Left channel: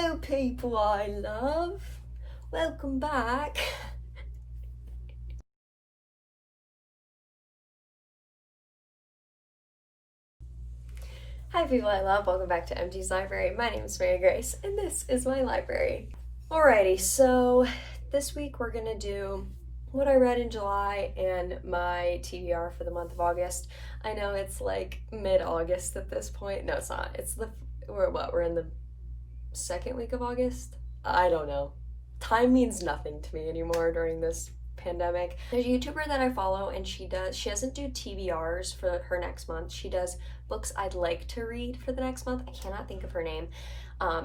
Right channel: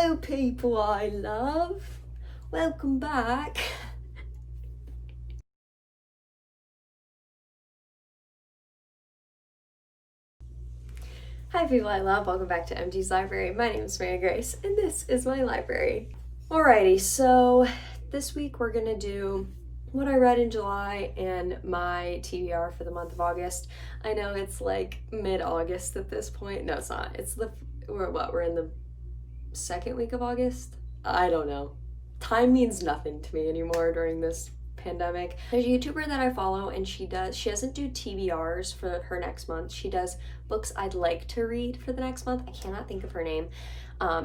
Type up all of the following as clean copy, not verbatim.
Hello, people I love. Welcome back. Hi, people I love. Welcome back to MG's Library. My name is Mary Grace, and this is my library. Alrighty, so this week we're gonna do what I read in July and my TBR for the month of August. I know it's like mid-August at this point. No, it's not. We're in the second week of August? I don't know. Time means nothing to me anymore during this pandemic. There's a YouTuber that I follow, and she doesn't do TBRs for her next month. She does books I'd like to read for the next month. I cannot think of her name.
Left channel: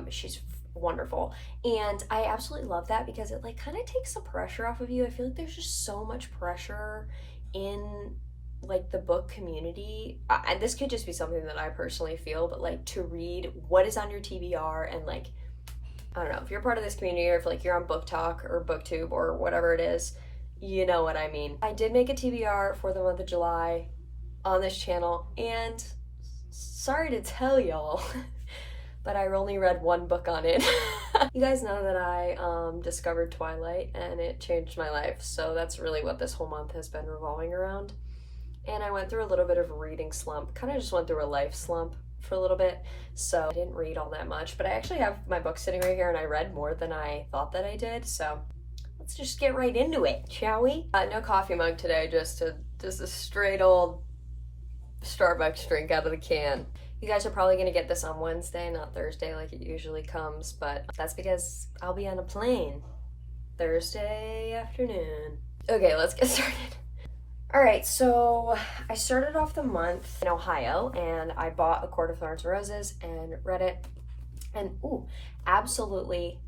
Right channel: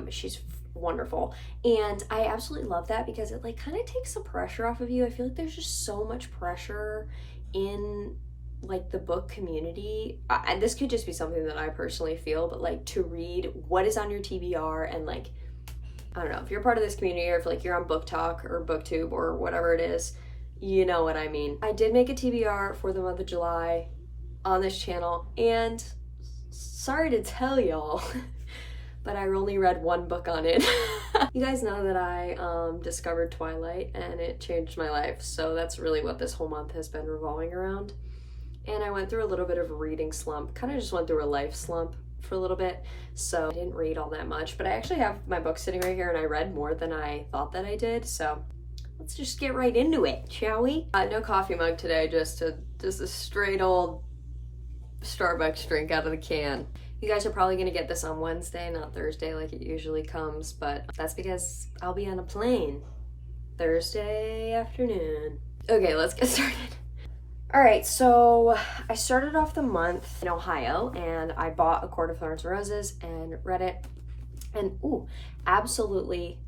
She's wonderful, and I absolutely love that because it like kind of takes the pressure off of you. I feel like there's just so much pressure in like the book community. This could just be something that I personally feel, but like to read what is on your TBR, and like I don't know if you're part of this community or if like you're on Book Talk or BookTube or whatever it is, you know what I mean. I did make a TBR for the month of July on this channel, and sorry to tell y'all, but I only read one book on it. You guys know that I discovered Twilight, and it changed my life, so that's really what this whole month has been revolving around. And I went through a little bit of a reading slump, kind of just went through a life slump for a little bit, so I didn't read all that much, but I actually have my book sitting right here, and I read more than I thought that I did, so let's just get right into it, shall we? No coffee mug today, just a straight old Starbucks drink out of the can. You guys are probably gonna get this on Wednesday, not Thursday like it usually comes, but that's because I'll be on a plane Thursday afternoon. Okay, let's get started. All right, so I started off the month in Ohio, and I bought A Court of Thorns and Roses and read it, and absolutely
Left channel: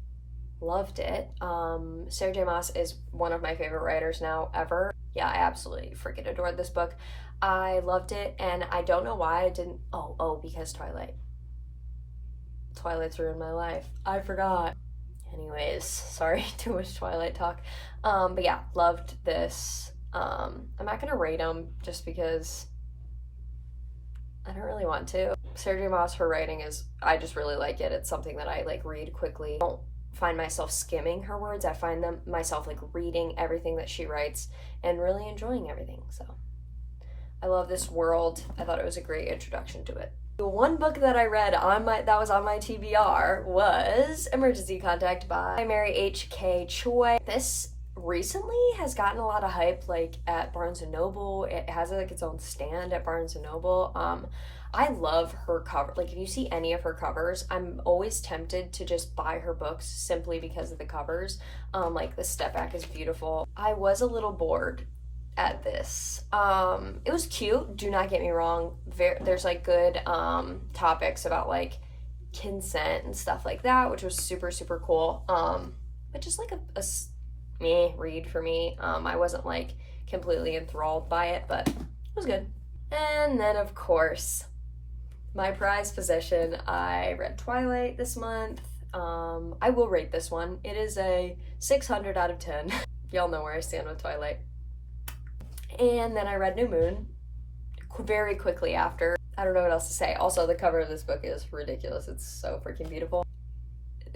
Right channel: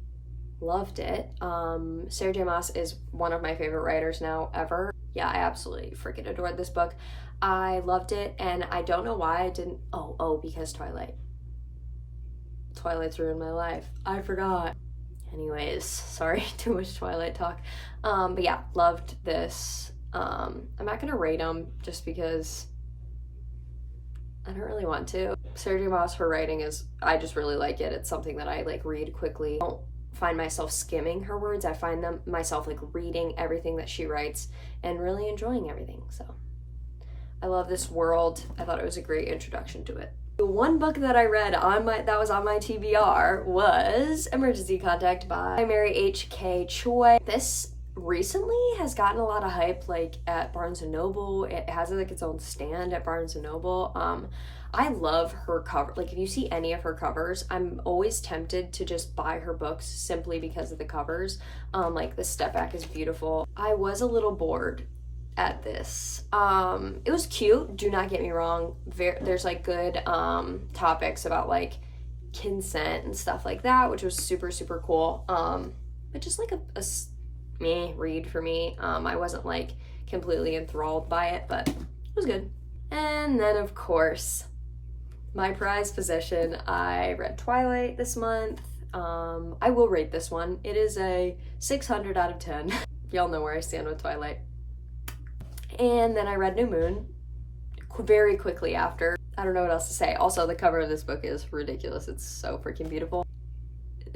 loved it. Sarah J. Maas is one of my favorite writers now ever. Yeah, I absolutely freaking adored this book. I loved it, and I don't know why I didn't. Because Twilight's ruined my life. I forgot. Anyways, sorry, too much Twilight talk. But yeah, loved this. I'm not gonna rate them just because I don't really want to. Sarah J. Maas, her writing I just really like it. It's something that I like read quickly. I don't find myself skimming her words. I find myself like reading everything that she writes and really enjoying everything. So I love this world. I thought it was a great introduction to it. The one book that I read that was on my TBR was Emergency Contact by Mary H.K. Choi. This recently has gotten a lot of hype like at Barnes & Noble. It has like its own stand at Barnes & Noble. I love her cover. Like if you see any of her covers, I'm always tempted to just buy her books simply because of the covers. Like the step back is beautiful. I was a little bored at this. It was cute, do not get me wrong. There's like good topics about like consent and stuff like that, which was super, super cool. But just like a meh read for me. I wasn't like completely enthralled by it, but it was good. And then of course, my prized possession, I read Twilight this month. I will rate this one. It is a 600 out of 10. Y'all know where I stand with Twilight. And then I read New Moon very quickly after. I don't know what else to say. Also, the cover of this book is ridiculous. It's so freaking beautiful.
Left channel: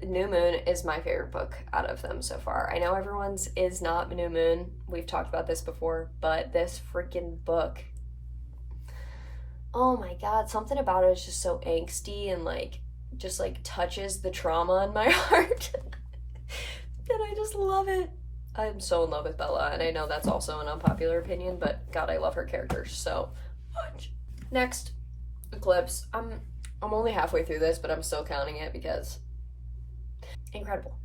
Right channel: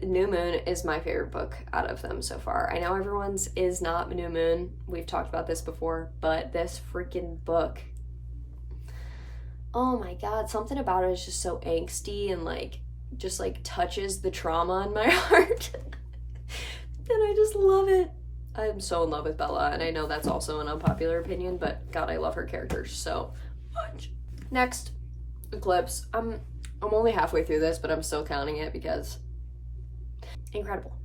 New Moon is my favorite book out of them so far. I know everyone's is not New Moon. We've talked about this before, but this freaking book, oh my god, something about it is just so angsty and like just like touches the trauma in my heart. And I just love it. I'm so in love with Bella, and I know that's also an unpopular opinion, but god, I love her character so much. Next, Eclipse. I'm only halfway through this, but I'm still counting it because incredible.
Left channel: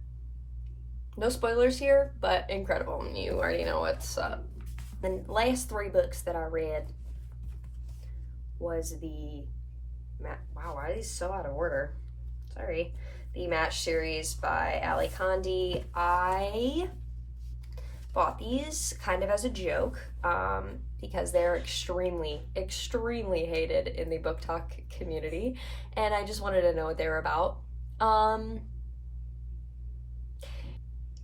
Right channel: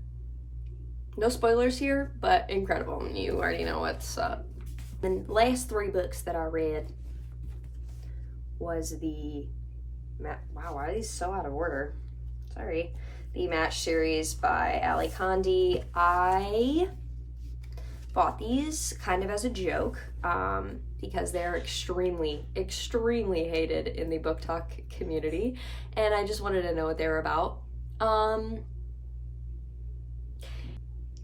No spoilers here, but incredible. You already know what's up. The last three books that I read was wow, why are these so out of order? Sorry. The Match series by Ali Kandi. I bought these kind of as a joke because they're extremely, extremely hated in the book talk community, and I just wanted to know what they were about.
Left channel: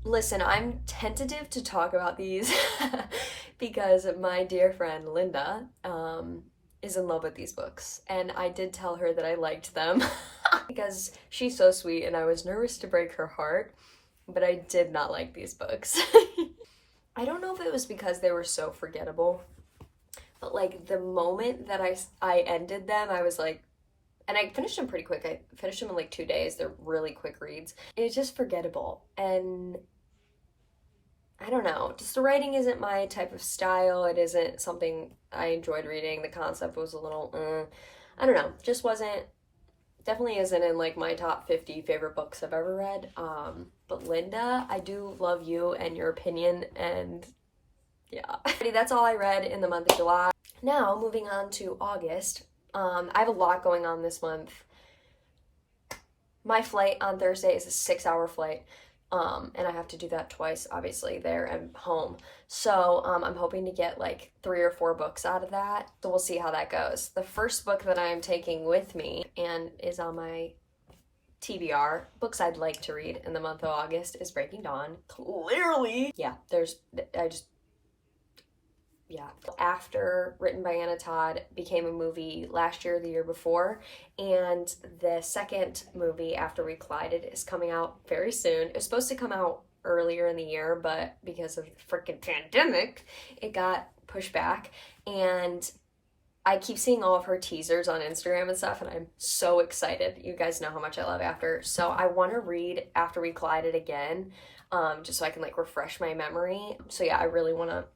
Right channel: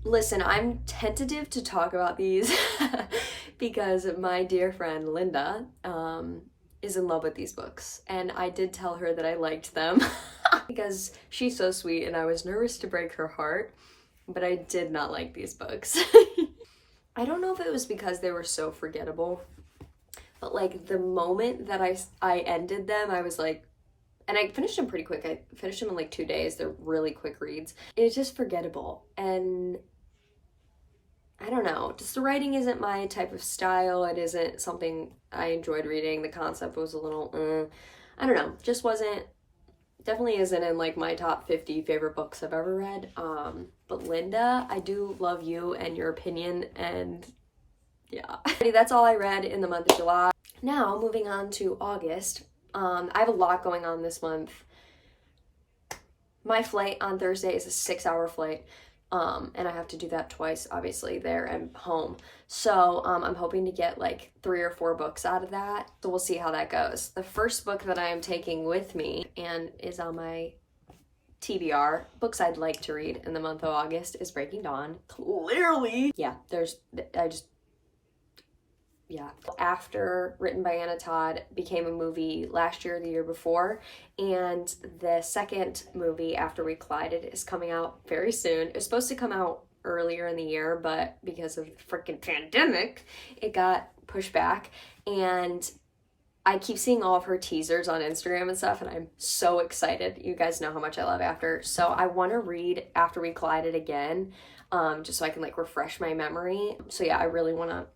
Listen, I'm tentative to talk about these because my dear friend Linda is in love with these books, and I did tell her that I liked them. because she's so sweet and I was nervous to break her heart, but I did not like these books. I don't know if it was because they were so forgettable, but like the moment that I ended them, I was like, and I finished them pretty quick. I finished them in like 2 days. They're really quick reads. It's just forgettable. And I don't know, just the writing isn't my type of style. It isn't something I enjoyed reading. The concept was a little, I don't know, just wasn't, definitely isn't in like my top 50 favorite books I've ever read. But Linda, I do love you and your opinion, and yeah. That's all I read in the month of July. Now, moving on to August. I have a lot going on this month. My flight on Thursday is a 6-hour flight. And I have to do that twice, obviously, there and home. So I'm hoping to get like 3 or 4 books out of that. So we'll see how that goes. The first book that I am taking with me and is on my TBR, books I'd like to read in the month of August, is Breaking Dawn. Clearly. Yeah, After, written by Anna Todd, became a movie last year or the year before, and the second movie, After We Collided, is coming out very soon. It was supposed to come out earlier in the year, but because of the freaking pandemic, it got pushed back, and I keep seeing all of her teasers on Instagram and stuff, and I'm so excited. You guys know how much I love After, so I want to read After We Collided again, just so I can like refresh my memory. So yeah, I really want to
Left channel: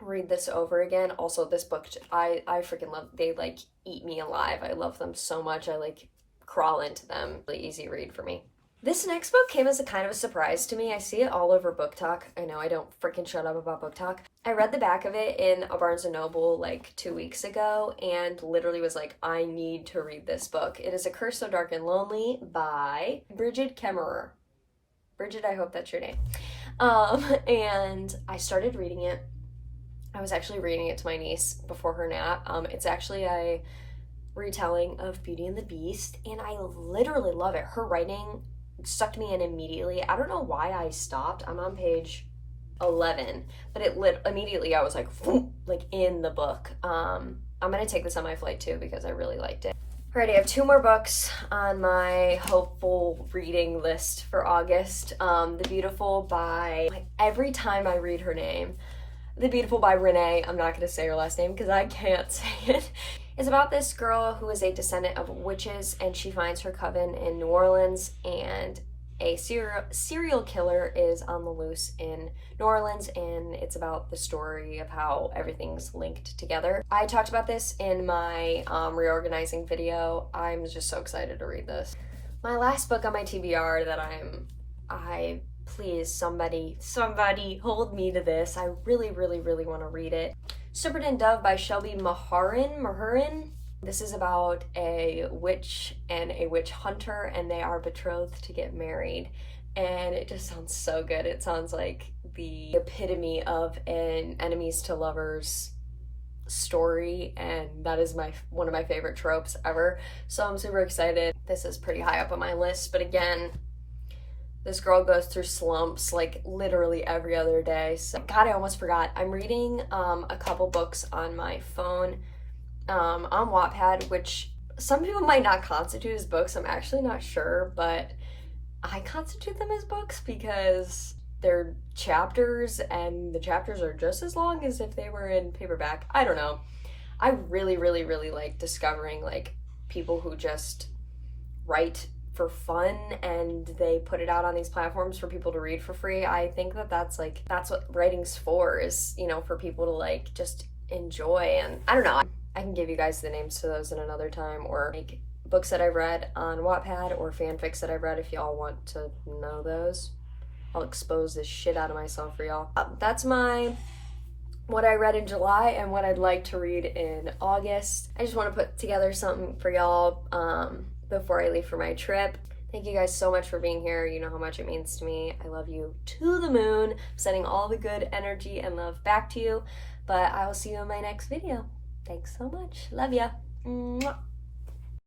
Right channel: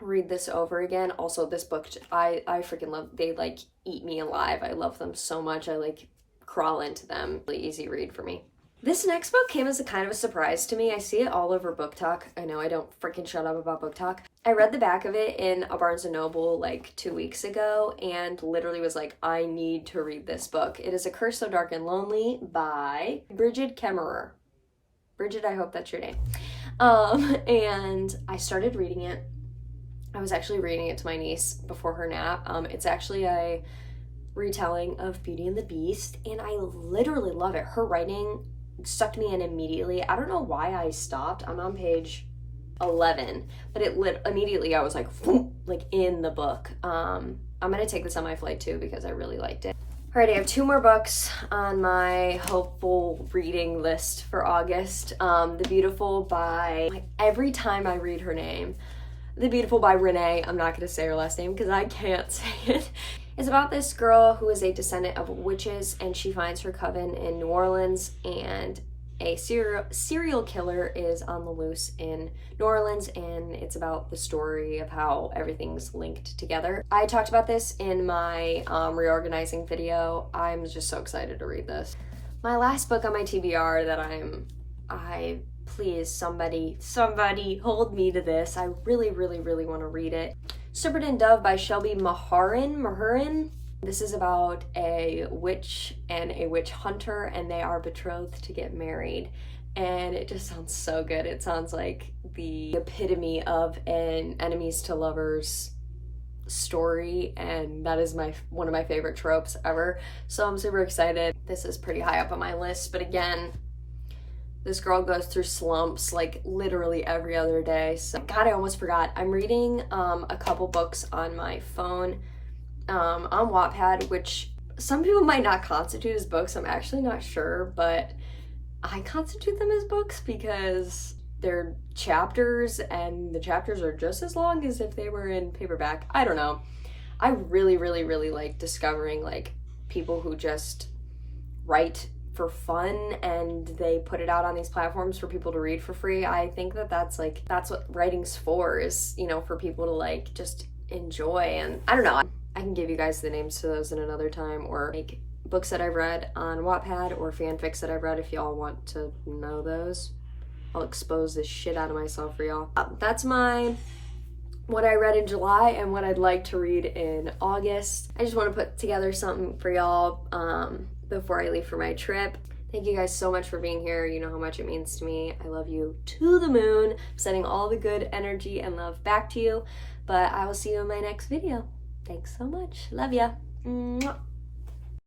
read this over again. Also, this book, I freaking love. They like eat me alive. I love them so much. I like crawl into them. Really easy read for me. This next book came as a kind of a surprise to me. I see it all over Book Talk. I know I don't freaking shut up about Book Talk. I read the back of it in a Barnes & Noble like 2 weeks ago and literally was like, I need to read this book. It is A Curse So Dark and Lonely by Brigid Kemmerer. Brigid, I hope that's your name. And I started reading it. I was actually reading it to my niece before her nap. It's actually a retelling of Beauty and the Beast, and I literally love it. Her writing sucked me in immediately. I don't know why I stopped. I'm on page 11, but immediately I was like in the book. I'm gonna take this on my flight too because I really liked it. Alrighty, I have 2 more books on my hopeful reading list for August. The Beautiful by, like, every time I read her name, The Beautiful by Renee. I'm not going to say her last name because I can't say it. It's about this girl who is a descendant of witches, and she finds her coven in New Orleans, and a serial killer is on the loose in New Orleans, and it's about the story of how everything's linked together. I talked about this in my reorganizing video. I'm just so excited to read this. My last book on my TBR that please, somebody hold me to this. I really, really, really want to read it. Serpent and Dove by Shelby Mahurin. This is about a witch and a witch hunter, and they are betrothed to get married. And it just sounds so good. It sounds like the epitome of an enemies to lovers story, and that is one of my favorite tropes ever. So I'm super excited. This is pretty high up on my list, but again, this girl goes through slumps like literally every other day. So, God, I almost forgot. I'm reading a couple books on my phone on Wattpad, which some people might not constitute as books. I'm actually not sure, but I constitute them as books because they're chapters, and the chapters are just as long as if they were in paperback. I don't know. I really, really, really like discovering like people who just write for fun and they put it out on these platforms for people to read for free. I think that's what writing's for, is, you know, for people to like just enjoy. And I don't know, I can give you guys the names to those in another time, or like books that I've read on Wattpad or fanfics that I've read if y'all want to know those. I'll expose this shit out of myself for y'all. That's what I read in July and what I'd like to read in August. I just want to put together something for y'all before I leave for my trip. Thank you guys so much for being here. You know how much it means to me. I love you to the moon. I'm sending all the good energy and love back to you, but I will see you in my next video. Thanks so much. Love ya. Mwah.